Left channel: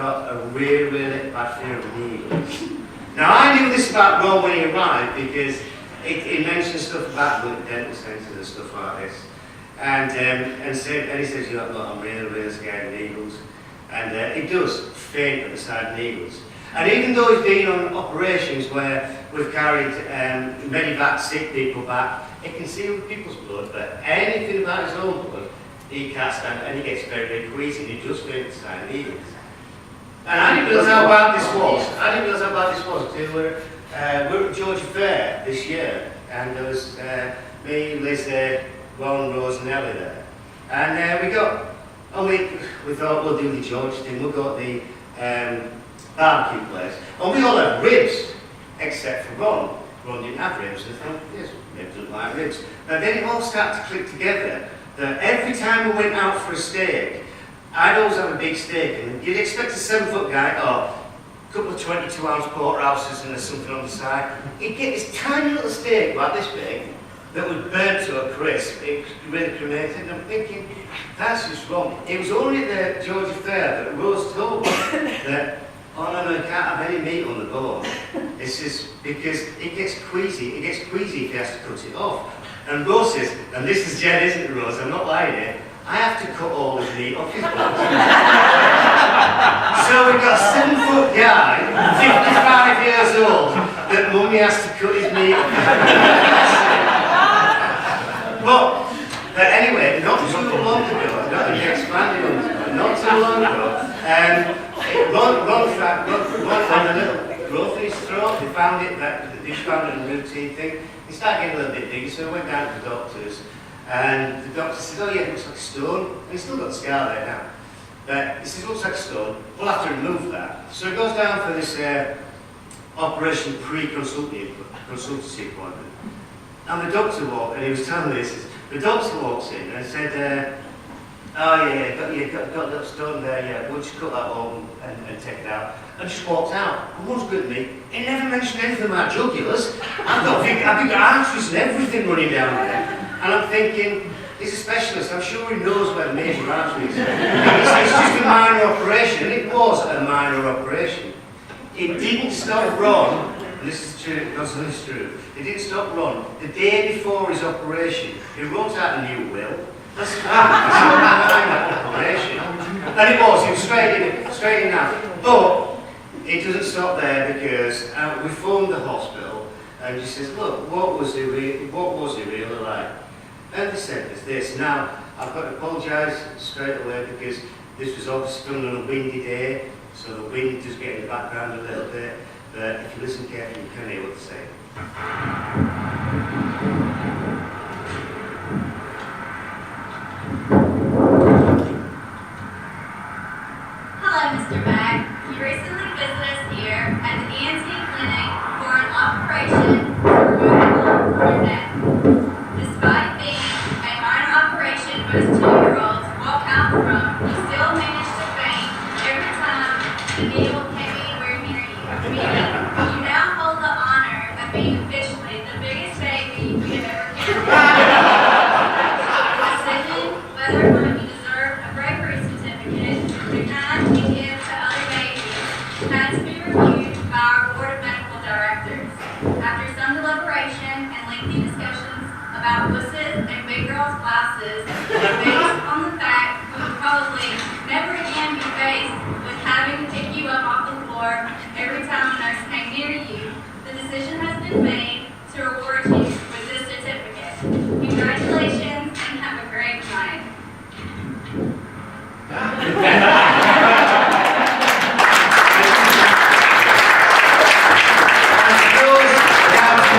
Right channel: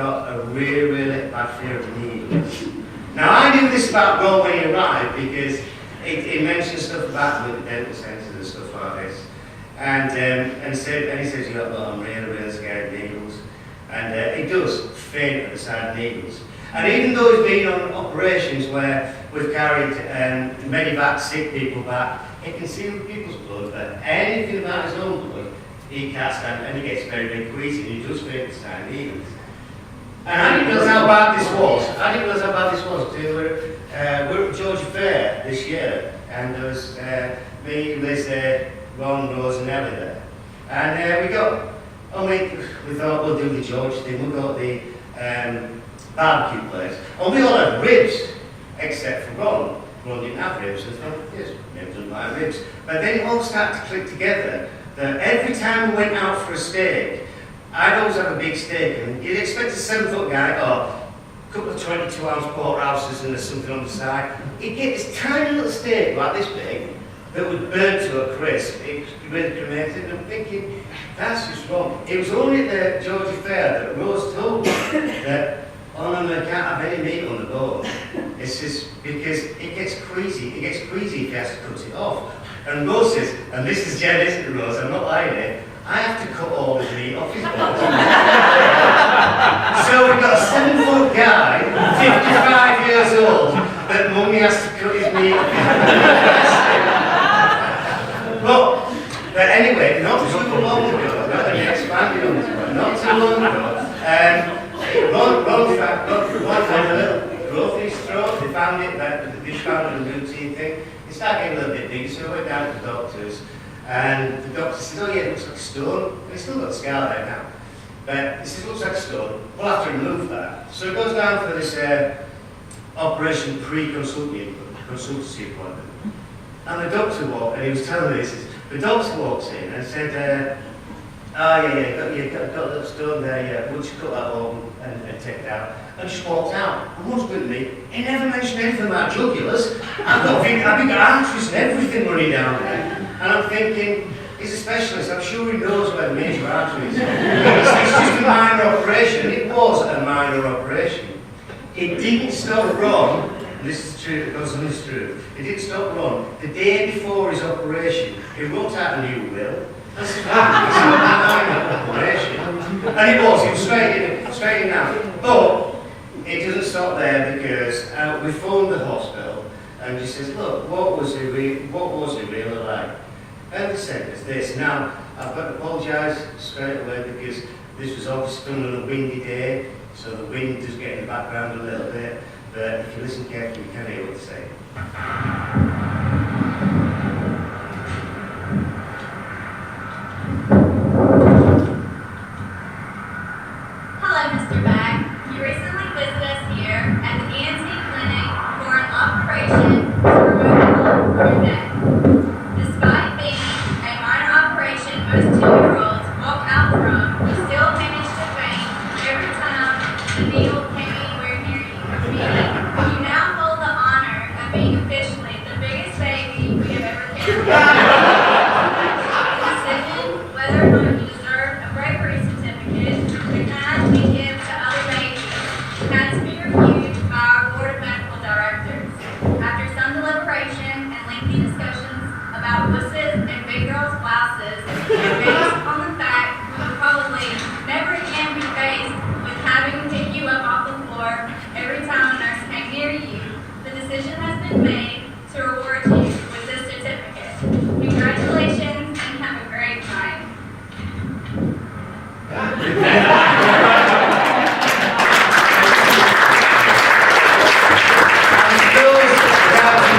got a really bad fear of needles. Now I knew this about Ron when he arrived because it mentioned stuff about with the dental centres and stuff like this. And he says, yeah, look, I'm really scared of needles. And he does faint at the sight of needles. And even though he's been on operations where we've carried many back, sick people back, he can see other people's blood, but anything about his own blood, he can't stand it, and he gets very queasy, and he just faint at the sight of needles. And I didn't realise how bad this was. Till we're at Georgia Fair this year, and there was me, Liz, Ron, Rose, and Ellie there. And we thought we'll do the Georgia thing. We got the barbecue place, and we all had ribs, except for Ron. Ron didn't have ribs, so I thought, yes, maybe doesn't like ribs. But then it all started to click together that every time we went out for a steak, I'd always have a big steak, and you'd expect a 7-foot guy, or a couple of 22-ounce porterhouses and there's something on the side. He'd get this tiny little steak, like this big, that would burn to a crisp. It was really cremated, and I'm thinking, that's just wrong. It was only at the Georgia Fair that Rose told me that, oh no, you can't have any meat on the bone. It's just because it gets queasy. It gets queasy if he has to cut it off. And Rose says, and this is Jen, isn't it, Rose? I'm not lying here. I have to cut all his meat off his bone. So we've got a 7-foot guy, 55 years old, that Mummy has to cut his meat off. But anyway, not too long ago, not too long ago, Ron had a little growth in his throat. They found it in a routine thing. He started getting a little bit bigger, so we went down to the doctors. And the doctor says, oh yeah, it looks like a stone. And he's still got a scar there now. But he says, it looks like a stone. We'll have to remove that. So he goes down for this operation pre-consultancy appointment. And the doctor walked, and he was telling me this, the doctor walks in and said, oh yeah, got a little stone there, yeah, we'll just cut that open and take it out. And just walked out. And what's good to me, he never mentioned anything about jugulars. I've got arteries and everything running down there. And I'm thinking, he's a specialist, I'm sure he knows where the major arteries are. It's just a minor operation, and it was a minor operation. It didn't stop Ron, and this is true, because it's true, it didn't stop Ron. The day before his operation, he wrote out a new will. That's a minor operation. And it was straight in out. But it doesn't stop there, because we phoned the hospital, and he says, look, what was he really like? And they said this. Now, I've got to apologise straight away because this was obviously done on a windy day, so the wind does get in the background a little bit, but if you listen carefully, you can hear what they're saying. Hello, Mr. Bach. You recently visited us here at the ENT clinic for an operation to remove from your neck. Despite being a minor operation most 2-year-olds walk out from, you still manage to faint every time the needle came anywhere near you. You now hold the honor of being officially the biggest baby we have ever carried. The decision whether or not you deserve a bravery certificate, the kind we give to other babies, has to be reviewed by our board of medical directors. After some deliberation and lengthy discussions about wusses and big girls' blouses, based on the fact we will probably never again be faced with having to pick you up off the floor every time a nurse came near you, the decision has been made to reward you with this certificate. Congratulations and have a great night.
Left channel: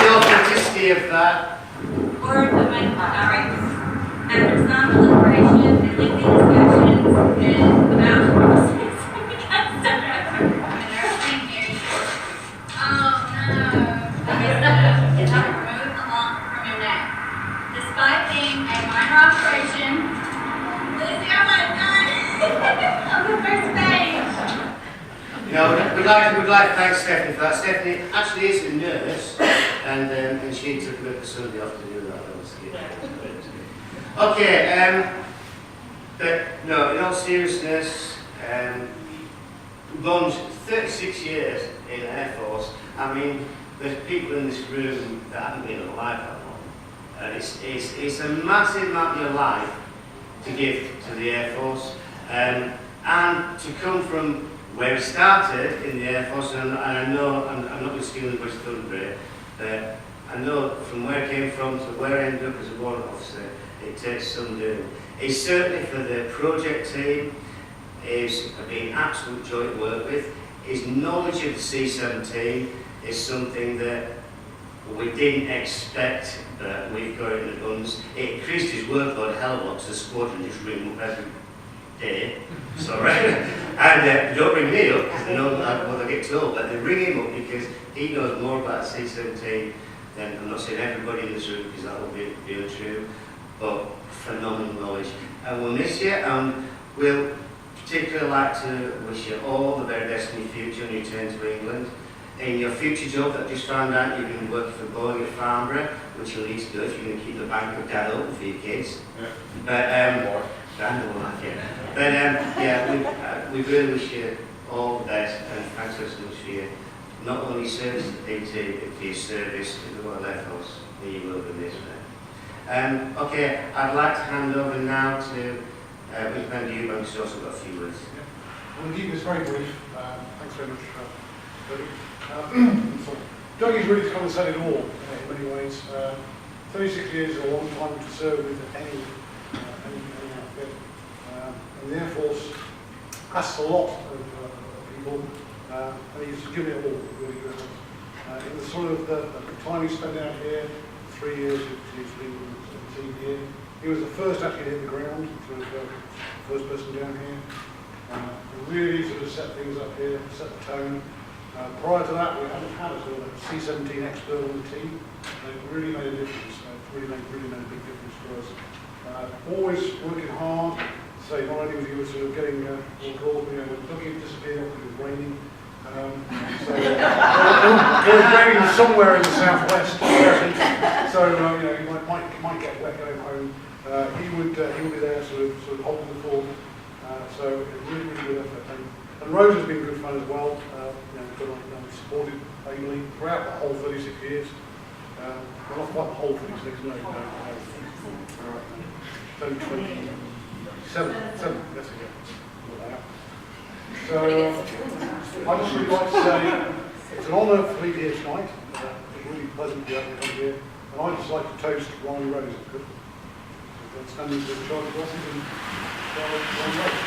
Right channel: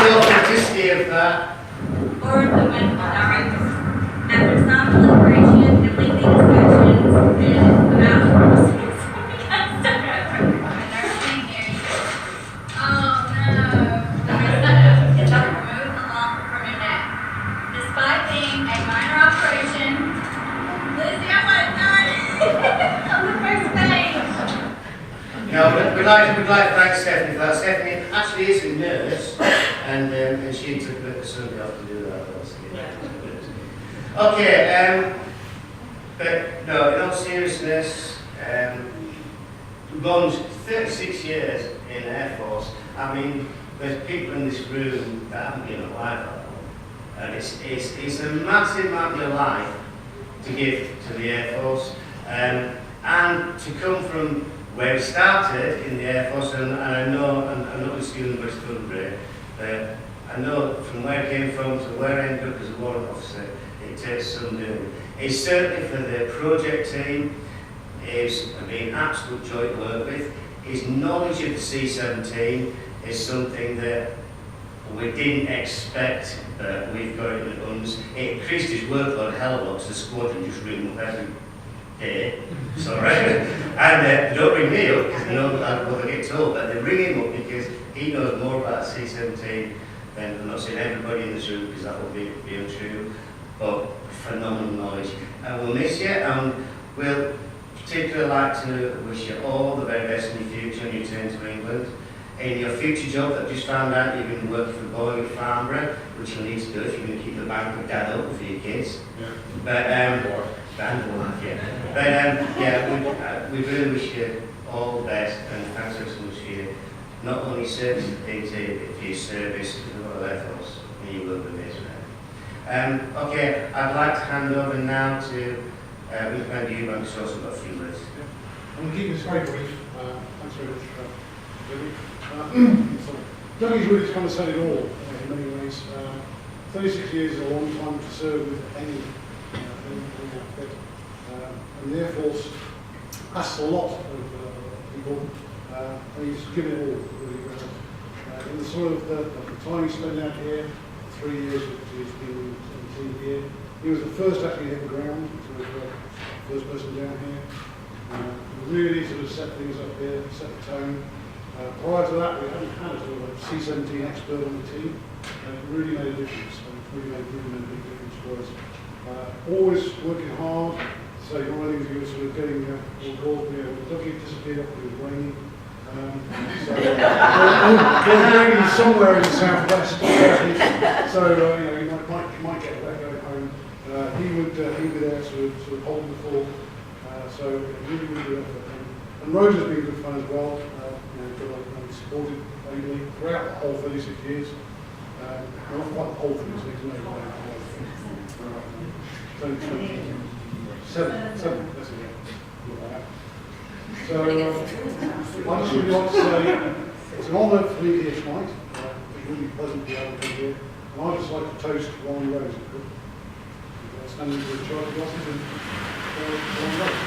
The authenticity of that. Or the medical directors. After some deliberation and lengthy discussions about the nurse came near you. Oh no. Is to remove the lump from your neck. Despite being a minor operation, Lizzie, I want to done on the first page. You know, we'd like to thank Stephanie for that. Stephanie actually is a nurse, and she took a bit of Sunday off to do that. That was good. Okay, but no, in all seriousness, runs 36 years in Air Force. I mean, there's people in this room that haven't been alive that long. And it's a massive amount of life to give to the Air Force. And to come from where we started in the Air Force, and I know, I'm not just feeling much thunder, I know from where I came from to where I ended up as a warrant officer, it takes some doing. It's certainly for the project team, it's been an absolute joy to work with. His knowledge of the C-17 is something that we didn't expect we've got in the guns. It increased his workload a hell of a lot because the squadron just ring up every day. Sorry. And they don't ring me up because they know what they get told, but they ring him up because he knows more about C-17 than, I'm not saying everybody in this room because that would be untrue, but phenomenal knowledge. And we'll miss you, and we'll particularly like to wish you all the very best in your future and return to England. In your future job that I just found out, you're going to work for Boeing at Farnborough, which you'll need to do if you're going to keep the bank of dad open for your kids. Yeah. But, and the wife, yeah. But, yeah, we really wish you all the best, and thanks so much for your, not only service at PT, but for your service in the Royal Air Force. You will be missed, mate. Okay, I'd like to hand over now to we'll hand you, but we've also got a few minutes. I'm going to keep this very brief. Thanks very much, Dougie. Dougie's really kind of said it all in many ways. 36 years is a long time to serve with any outfit. And the Air Force asks a lot of people, and he's given it all, really, really. In the sort of the time he spent out here, 3 years he's been with the team here, he was the first actually to hit the ground, so he was the first person down here. Really sort of set things up here, set the tone. Prior to that, we haven't had a sort of C-17 expert on the team. It really made a difference. It's really made a big difference for us. Always working hard. Say, Ronnie, we were sort of getting all you know, Dougie disappeared because it was raining. So it was raining somewhere in the southwest. So you know, he might get wet going home. He would be there, sort of holding the fort. So really good effort. And Rose has been good fun as well. Supported ably throughout the whole 36 years. Well, not quite the whole 36, no. 27, that's it. So I just would like to say it's an honour for me here tonight. It's really pleasant to be able to come here. And I'd just like to toast Ronnie Rose. Standing for the Charlie Crosses and Ronnie Rose.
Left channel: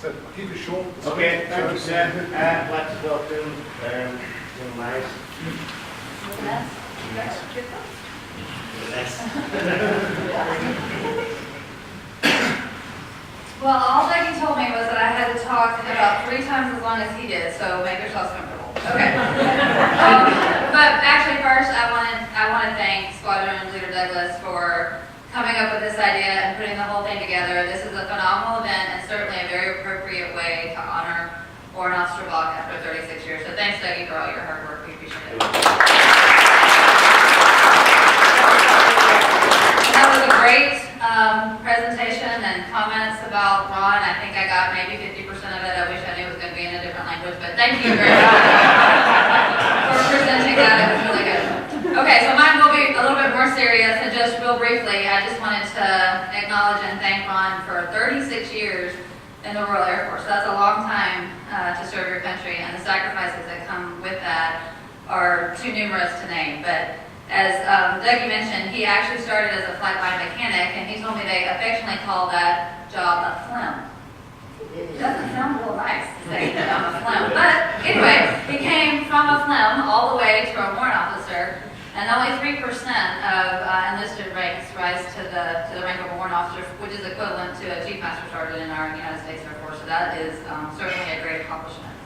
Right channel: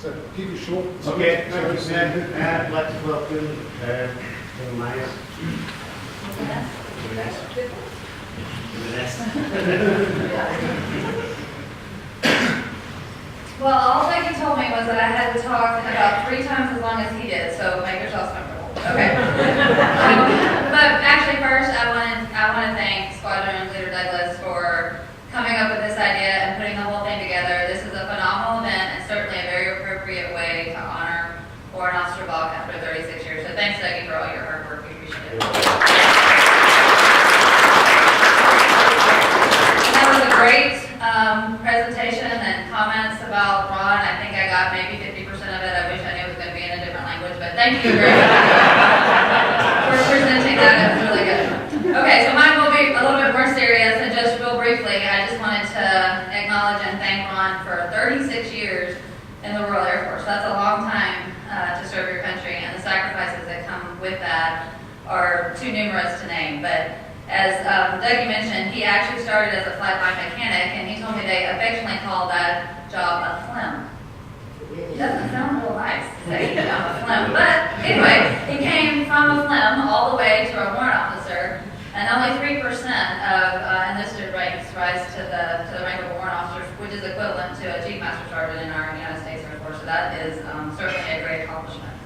So I'll keep it short. Okay, thank you, sir. I'd like to welcome young Myers. Well, all Dougie told me was that I had to talk about 3 times as long as he did, so make yourselves comfortable. Okay. But actually, first, I want to thank Squadron Leader Douglas for coming up with this idea and putting the whole thing together. This is a phenomenal event and certainly a very appropriate way to honor Warrant Officer Bach after 36 years. So thanks, Dougie, for all your hard work. We appreciate it. That was a great presentation and comments about Ron. I think I got maybe 50% of it. I wish I knew it was going to be in a different language, but thank you very much for presenting that. It was really good. Okay, so mine will be a little bit more serious, and just real briefly, I just wanted to acknowledge and thank Ron for 36 years in the Royal Air Force. That's a long time to serve your country, and the sacrifices that come with that are too numerous to name. But as Dougie mentioned, he actually started as a flightline mechanic, and he told me they affectionately call that job a phlegm. It doesn't sound real nice to say that I'm a phlegm, but anyway, he came from a phlegm all the way to a warrant officer, and only 3% of enlisted ranks rise to the rank of a warrant officer, which is equivalent to a chief master sergeant in our United States Air Force. So that is certainly a great accomplishment.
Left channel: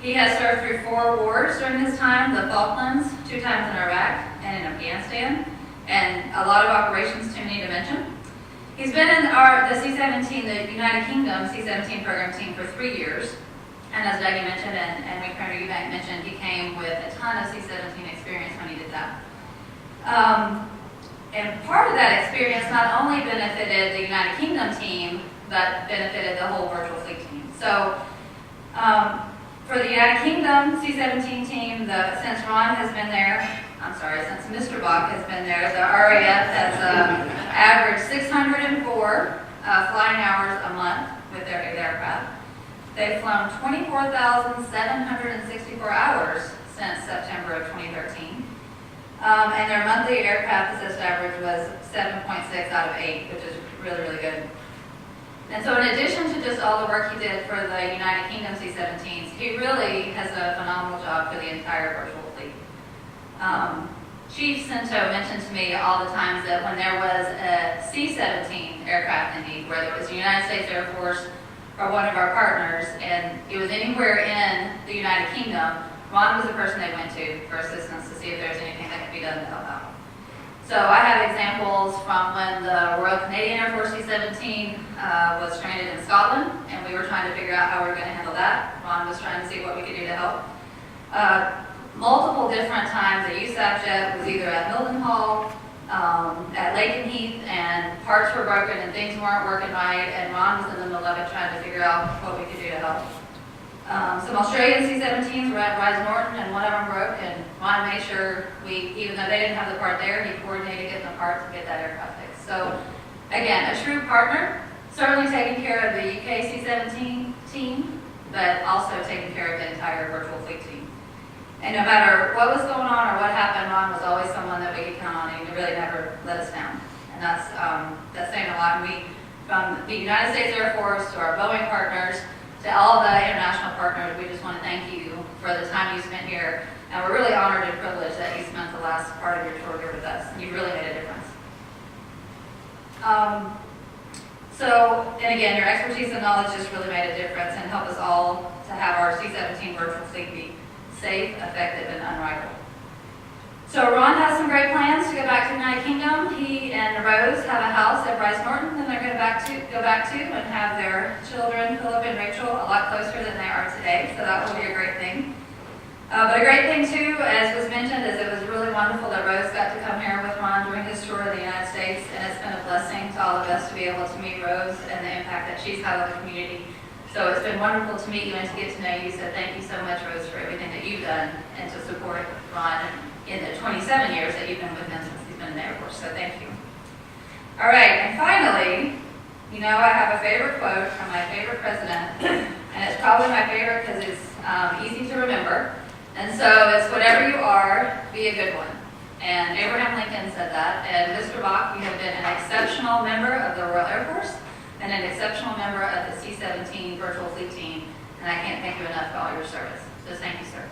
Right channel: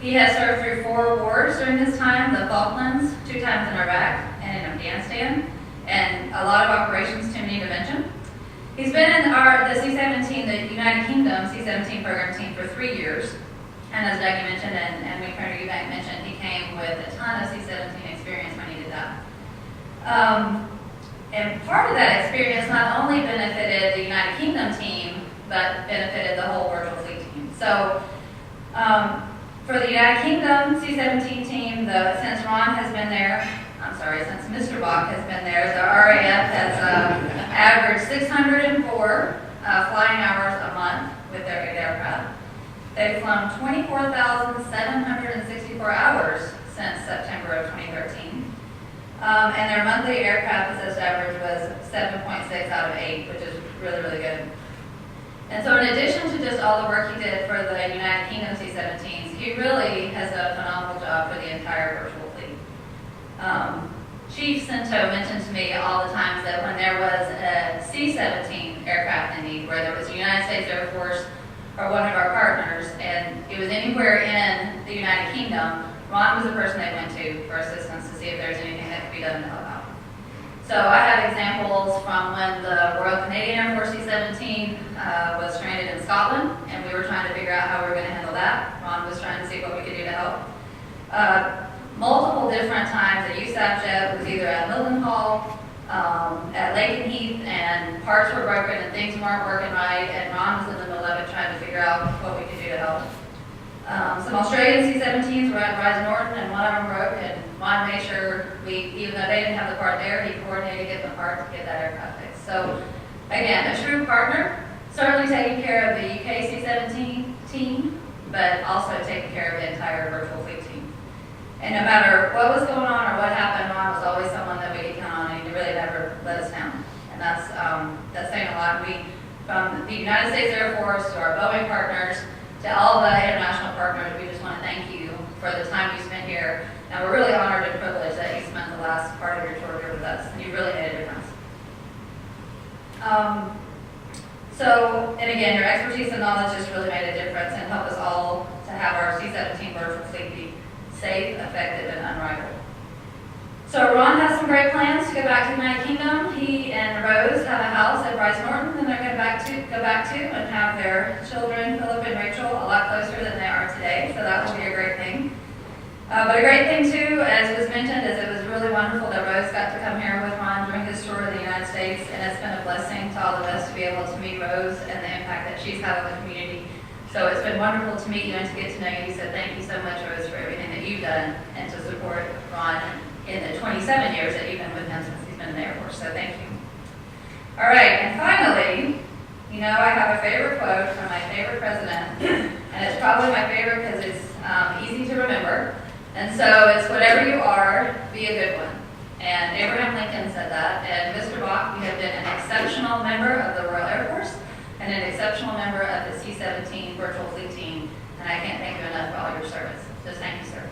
He has served through 4 wars during his time: the Falklands, 2 times in Iraq and in Afghanistan, and a lot of operations too many to mention. He's been in the C-17, the United Kingdom C-17 program team for 3 years, And as Dougie mentioned, and Colonel Eubank mentioned, he came with a ton of C-17 experience when he did that. And part of that experience not only benefited the United Kingdom team, but benefited the whole virtual fleet team. So for the United Kingdom C-17 team, since Ron has been there, since Mr. Bach has been there, the RAF has averaged 604 flying hours a month with their aircraft. They've flown 24,764 hours since September of 2013. And their monthly aircraft assist average was 7.6 out of 8, which is really, really good. And so in addition to just all the work he did for the United Kingdom C-17s, he really has a phenomenal job for the entire virtual fleet. Chief Cinto mentioned to me all the times that when there was a C-17 aircraft in need, where there was the United States Air Force or one of our partners, and it was anywhere in the United Kingdom, Ron was the person they went to for assistance to see if there was anything that could be done to help out. So I have examples from when the Royal Canadian Air Force C-17 was stranded in Scotland, and we were trying to figure out how we were going to handle that. Ron was trying to see what we could do to help. Multiple different times, a USAF jet was either at Mildenhall, at Lakenheath, and parts were broken and things weren't working right, and Ron was in the middle of it trying to figure out what we could do to help. Some Australian C-17s were at Rise Norton, and one of them broke, and Ron made sure even though they didn't have the part there, he coordinated to get the parts to get that aircraft fixed. So, again, a true partner, certainly taking care of the UK C-17 team, but also taking care of the entire virtual fleet team. And no matter what was going on or what happened, Ron was always someone that we could count on, and he really never let us down. And that's saying a lot. And from the United States Air Force to our Boeing partners, to all the international partners, we just want to thank you for the time you spent here. And we're really honored and privileged that you spent the last part of your tour here with us. And you really made a difference. And again, your expertise and knowledge just really made a difference and helped us all to have our C-17 virtual fleet be safe, effective, and unrivaled. So Ron has some great plans to go back to the United Kingdom. He and Rose have a house at Bryce Norton that they're going to go back to and have their children, Philip and Rachel, a lot closer than they are today. So that will be a great thing. But a great thing too, as was mentioned, is it was really wonderful that Rose got to come here with Ron during his tour of the United States, and it's been a blessing to all of us to be able to meet Rose and the impact that she's had on the community. So it's been wonderful to meet you and to get to know you. So thank you so much, Rose, for everything that you've done and to support Ron in the 27 years that you've been with him since he's been in the Air Force. So thank you. All right, and finally, I have a favorite quote from my favorite president, and it's probably my favorite because it's easy to remember. And so it's whatever you are, be a good one. And Abraham Lincoln said that. And Mr. Bach, you have been an exceptional member of the Royal Air Force and an exceptional member of the C-17 virtual fleet team. And I can't thank you enough for all your service. So thank you, sir.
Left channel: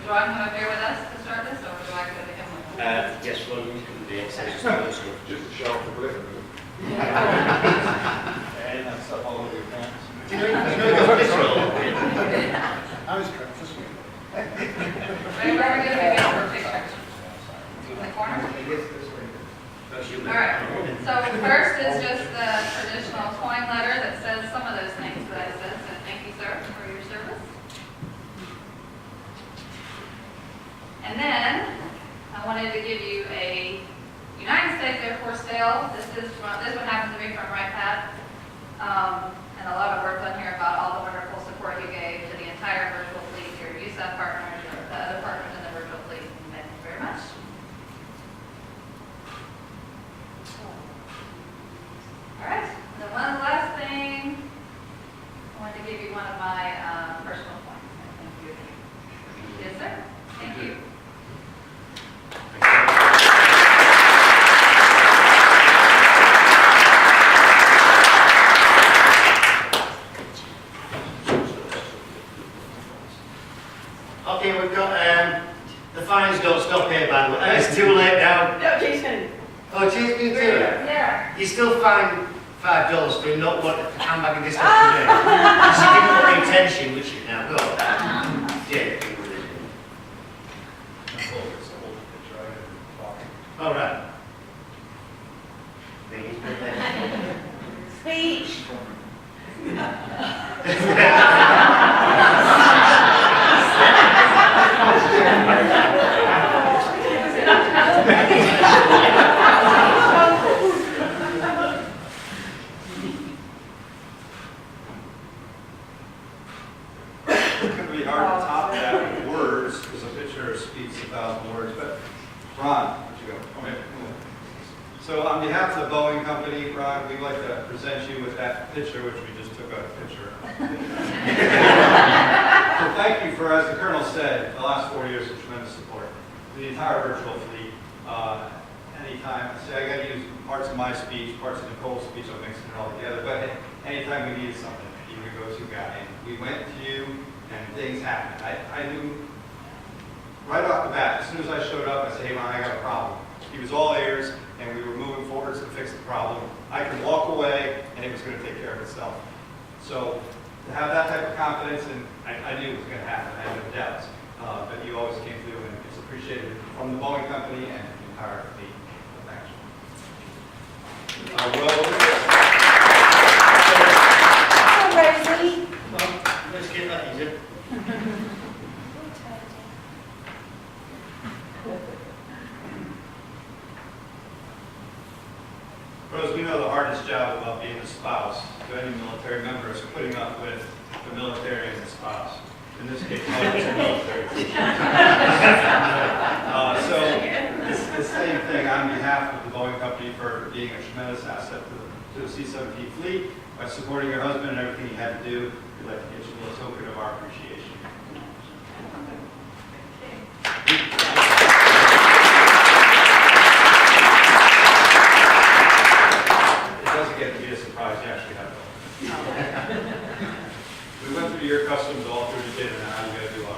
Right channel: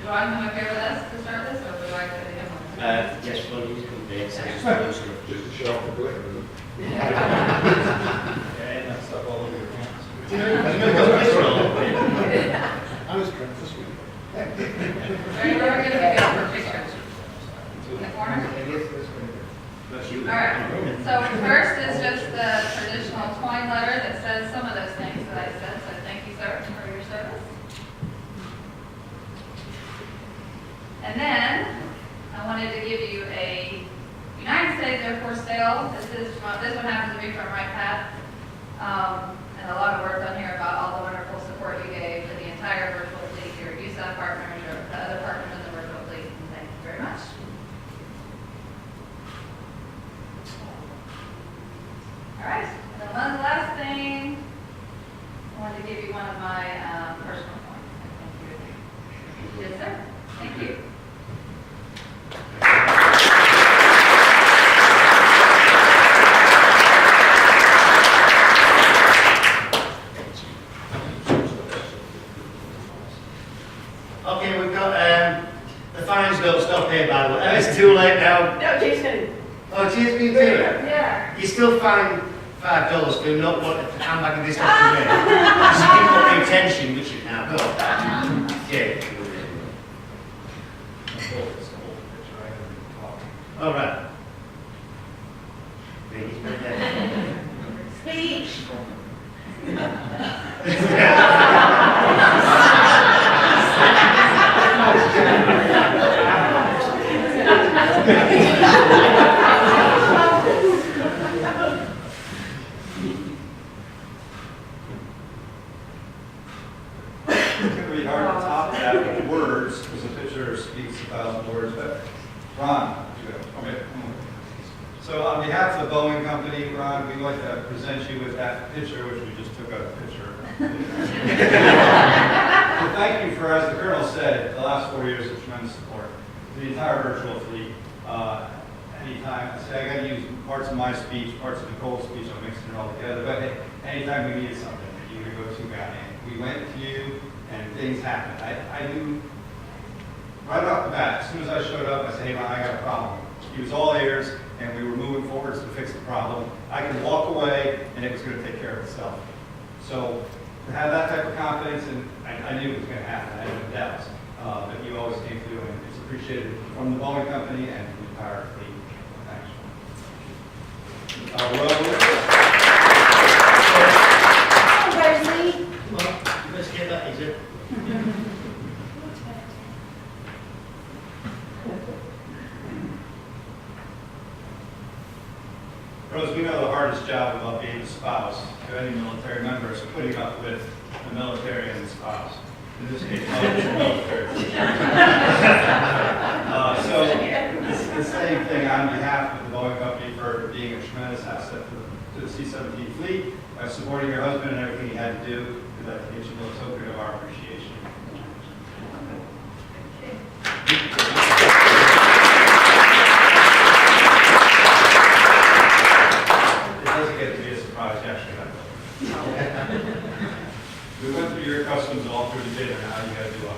Is Ron come up here with us to start this, or would I go to him? Yes, well, you can do it. Just to show off the blip. And that stuff all over your pants. I was trying to speak. Right, where are we going to go for a picture? In the corner? All right. So first is just the traditional coin letter that says some of those things that I said. So thank you, sir, for your service. And then I wanted to give you a United States Air Force sale. This one happens to be from Right Path. And a lot of words on here about all the wonderful support you gave to the entire virtual fleet, your USAF partners, your other partners in the virtual fleet. Thank you very much. All right. And then one last thing. I wanted to give you one of my personal points. Thank you. Yes, sir. Thank you. Okay, we've got, the fines don't stop here, by the way. It's too late now. No, Jason. Oh, Jason, you do it? Yeah. You still fined $5 for not wanting to come back in this afternoon. So you didn't want the attention, which you now got. Yeah. All right. Please, not there. Speech. It's going to be hard to top that with words, because a picture speaks 1,000 words. But Ron, would you go? Come here. So on behalf of the Boeing Company, Ron, we'd like to present you with that picture, which we just took a picture of. So thank you for, as the Colonel said, the last 4 years of tremendous support. The entire virtual fleet. Anytime, I say I got to use parts of my speech, parts of Nicole's speech, I'm mixing it all together, but anytime we needed something, you were the go-to guy. And we went to you, and things happened. I knew right off the bat, as soon as I showed up, I said, hey, Ron, I got a problem. He was all ears, and we were moving forwards to fix the problem. I could walk away, and it was going to take care of itself. So to have that type of confidence, and I knew it was going to happen. I had no doubts. But you always came through, and it's appreciated from the Boeing Company and the entire fleet. Thanks. Rosie. Come on, let's get that easier. Rose, we know the hardest job about being a spouse to any military member is putting up with the military and the spouse. In this case, it's the military. So it's the same thing on behalf of the Boeing Company for being a tremendous asset to the C-17 fleet, by supporting your husband and everything he had to do. We'd like to give you a little token of our appreciation. It doesn't get to be a surprise to actually have it. We went through your customs all through the dinner, now you got to do ours.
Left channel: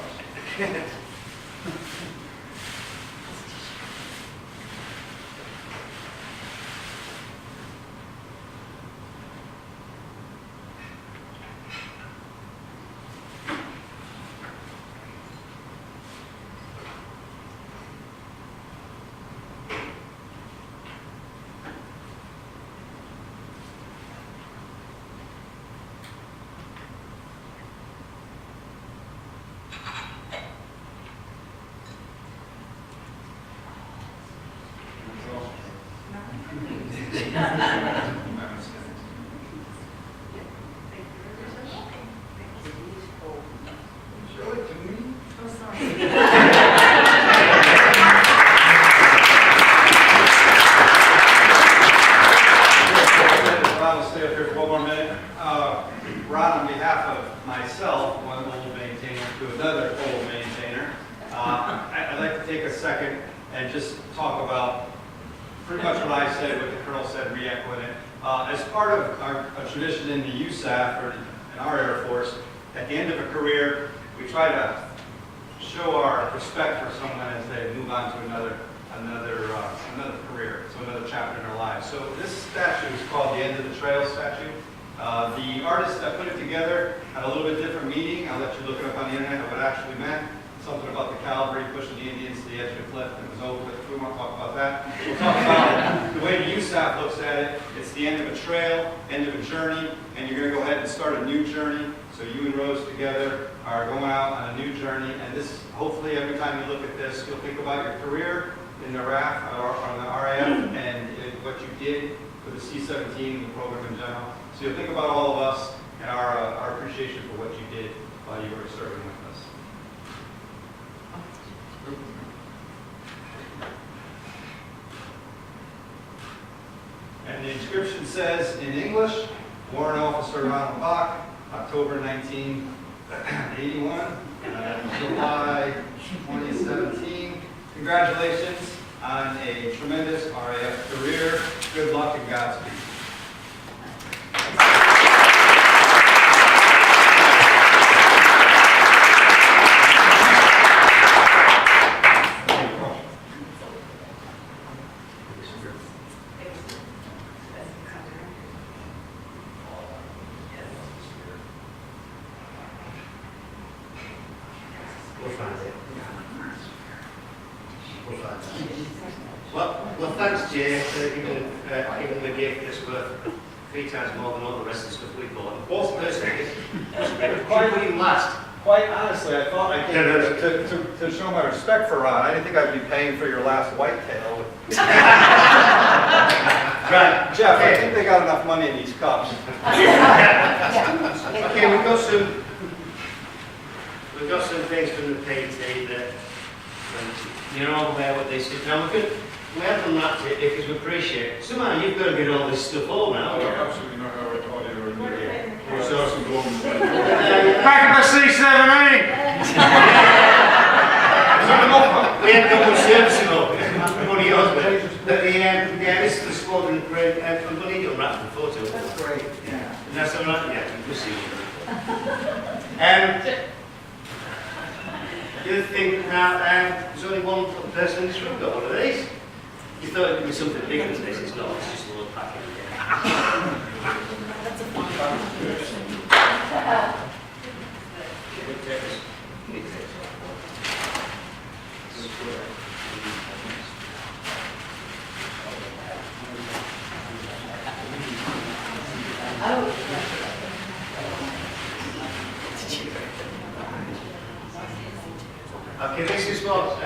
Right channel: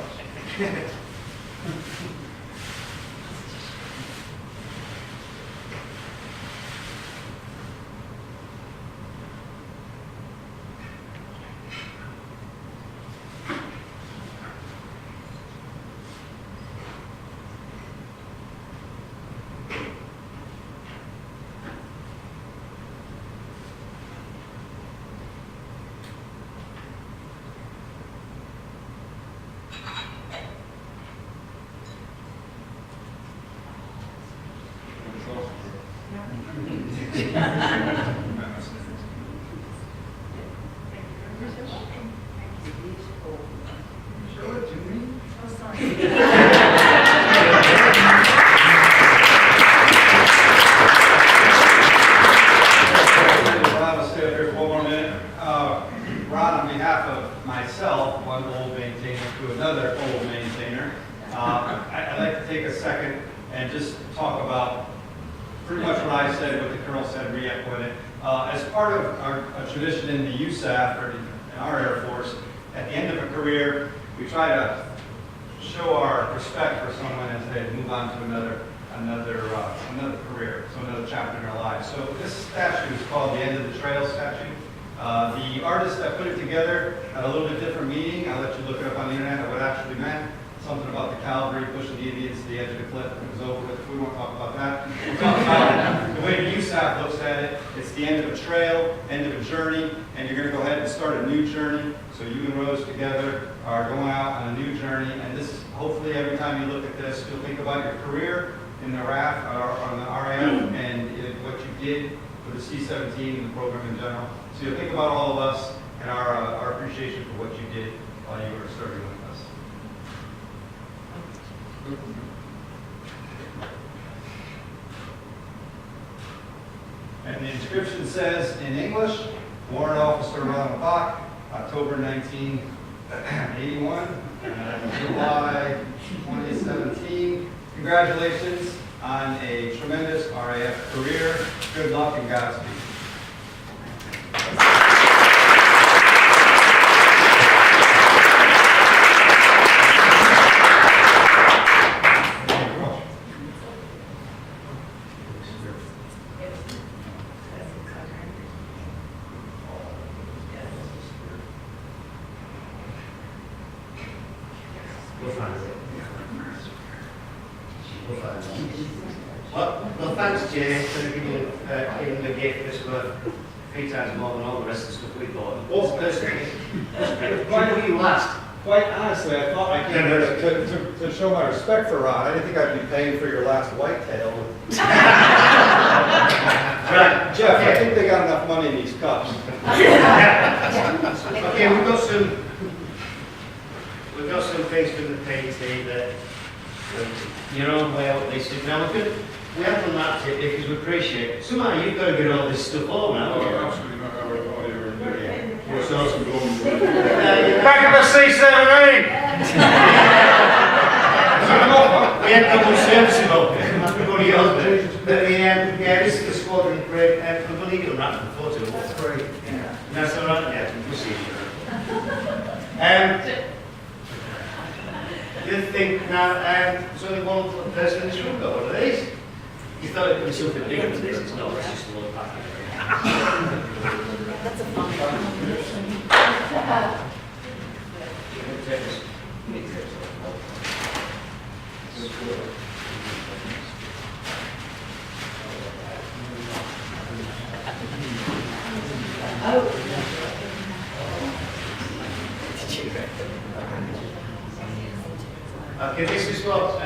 Show it to me. I'll stay up here for one more minute. Ron, on behalf of myself, one old maintainer to another old maintainer, I'd like to take a second and just talk about pretty much what I said, what the Colonel said, re-echoing it. As part of a tradition in the USAF, or in our Air Force, at the end of a career, we try to show our respect for someone as they move on to another career, so another chapter in their lives. So this statue is called the End of the Trail statue. The artist that put it together had a little bit different meaning. I'll let you look it up on the internet what it actually meant. Something about the cavalry pushing the Indians to the edge of the cliff, and it was over. We won't talk about that. We'll talk about the way the USAF looks at it. It's the end of a trail, end of a journey, and you're going to go ahead and start a new journey. So you and Rose together are going out on a new journey, and this, hopefully, every time you look at this, you'll think about your career in the RAF, or on the RAF, and what you did for the C-17 and the program in general. So you'll think about all of us and our appreciation for what you did while you were serving with us. And the inscription says, in English, Warrant Officer Ron Bach, October 1981, July 2017. Congratulations on a tremendous RAF career. Good luck and Godspeed. We'll find it. We'll find it. Well, Jay for giving him the gift that's worth 3 times more than all the rest of the stuff we bought. Also, First second. Why were you last? quite honestly, I thought I came here to show my respect for Ron. I didn't think I'd be paying for your last whitetail. Right. Jeff, I think they got enough money in these cups. Okay, we've got some things from the PT that you're all aware what this is. Now we have done that because we appreciate. Somehow you've got to get all this stuff all now. Oh, absolutely not how everybody are doing. We're starting going. Back up a C17! We had no more servicing up. That's one of yours, but yeah, this is the squadron parade, and I'm going to need to wrap the photo. Great. Yeah. That's all right. Yeah, we'll see. The other thing now, there's only one person in this room got one of these. You thought it would be something bigger than this. It's not. It's just a little packet. Okay, this is what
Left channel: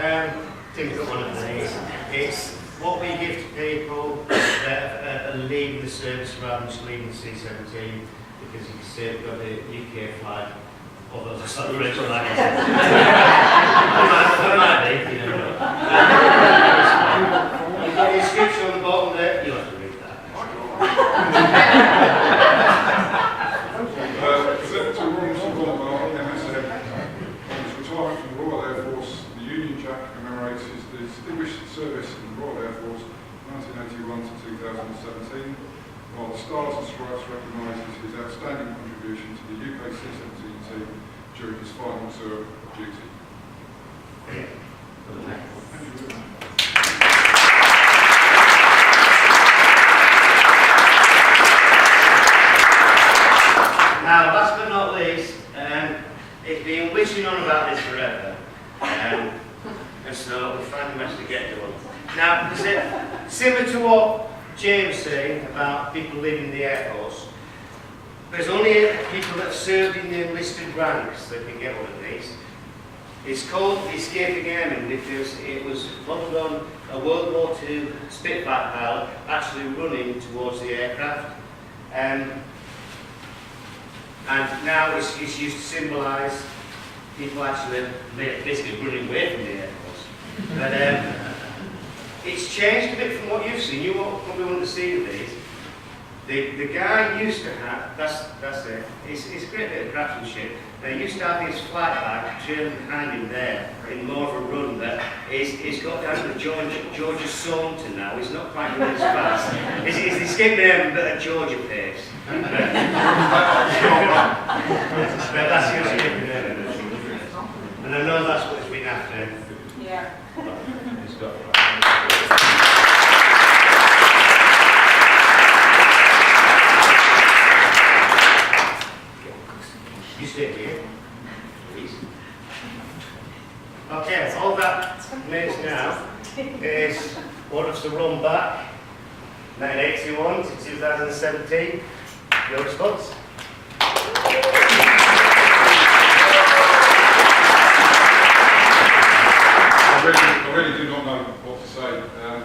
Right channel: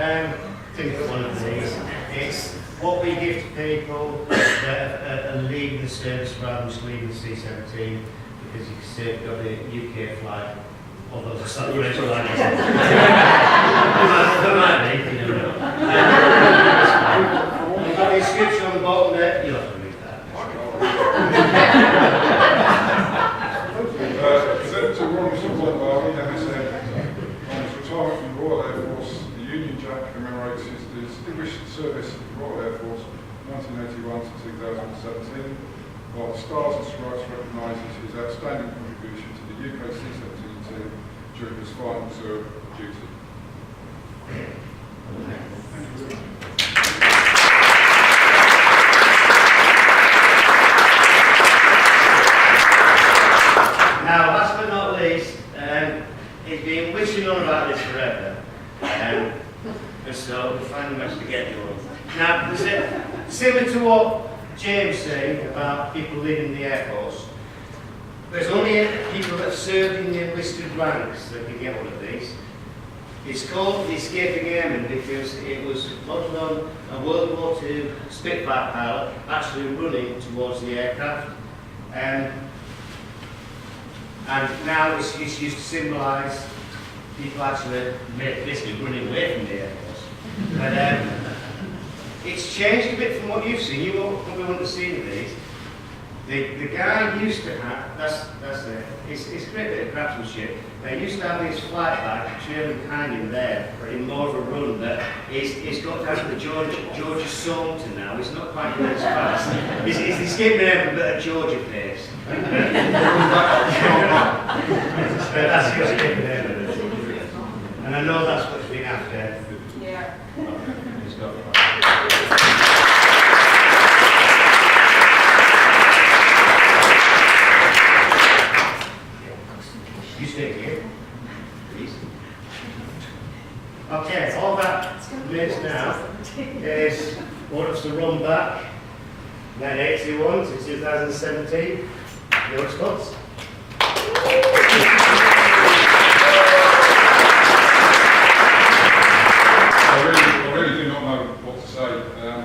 Tim's got one of these. It's what we give to people that are leaving the service rather than just leaving the C-17 because you can see it's got the UK flag, although it's not the French flag. It might be, you don't know. You've got the inscription on the bottom there, you'll have to read that. Sent to Ron Bach, MSF, on his retirement from the Royal Air Force, the Union Jack commemorates his distinguished service in the Royal Air Force 1981 to 2017, while the Stars and Stripes recognises his outstanding contribution to the UK C-17 team during his final tour of duty. Now, last but not least, it's been wishing on about this forever, and so we finally managed to get to one. Now, similar to what James was saying about people leaving the Air Force, there's only people that served in the enlisted ranks that can get one of these. It's called the Escaping Airman because it was modeled on a World War II Spitfire pilot actually running towards the aircraft. And now it's used to symbolise people actually basically running away from the Air Force. But it's changed a bit from what you've seen. You probably wouldn't have seen these. The guy used to have, that's it, it's a great bit of craftsmanship. They used to have his flight bag trailing behind him there in more of a run that he's got down to the Georgia Saunter now. He's not quite going as fast. He's escaped there but at Georgia pace. But that's your escaping there. And I know that's what it's been after. Yeah. It's got You stay here, please. Okay, all that means now is what us to Ron Bach, 1981 to 2017. Your response? I really do not know what to say. I'm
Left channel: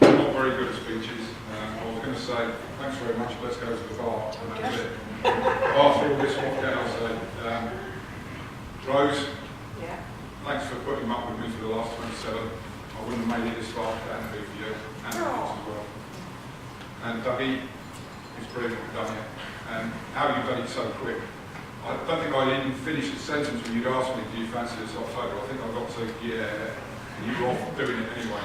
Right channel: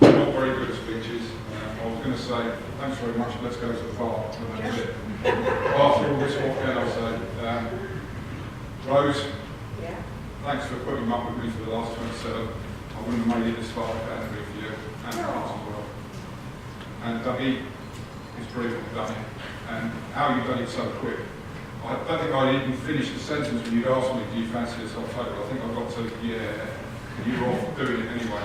not very good at speeches. I was going to say, thanks very much, let's go to the bar, and that's it. After all this, what can I say? Rose, Yeah. thanks for putting up with me for the last 27. I wouldn't have made it this far if it hadn't been for you, and the kids as well. And Dougie, it's brilliant what you've done here, and how you've done it so quick. I don't think I'd even finished the sentence when you'd asked me, do you fancy this October? I think I got to, yeah, and you were off doing it anyway.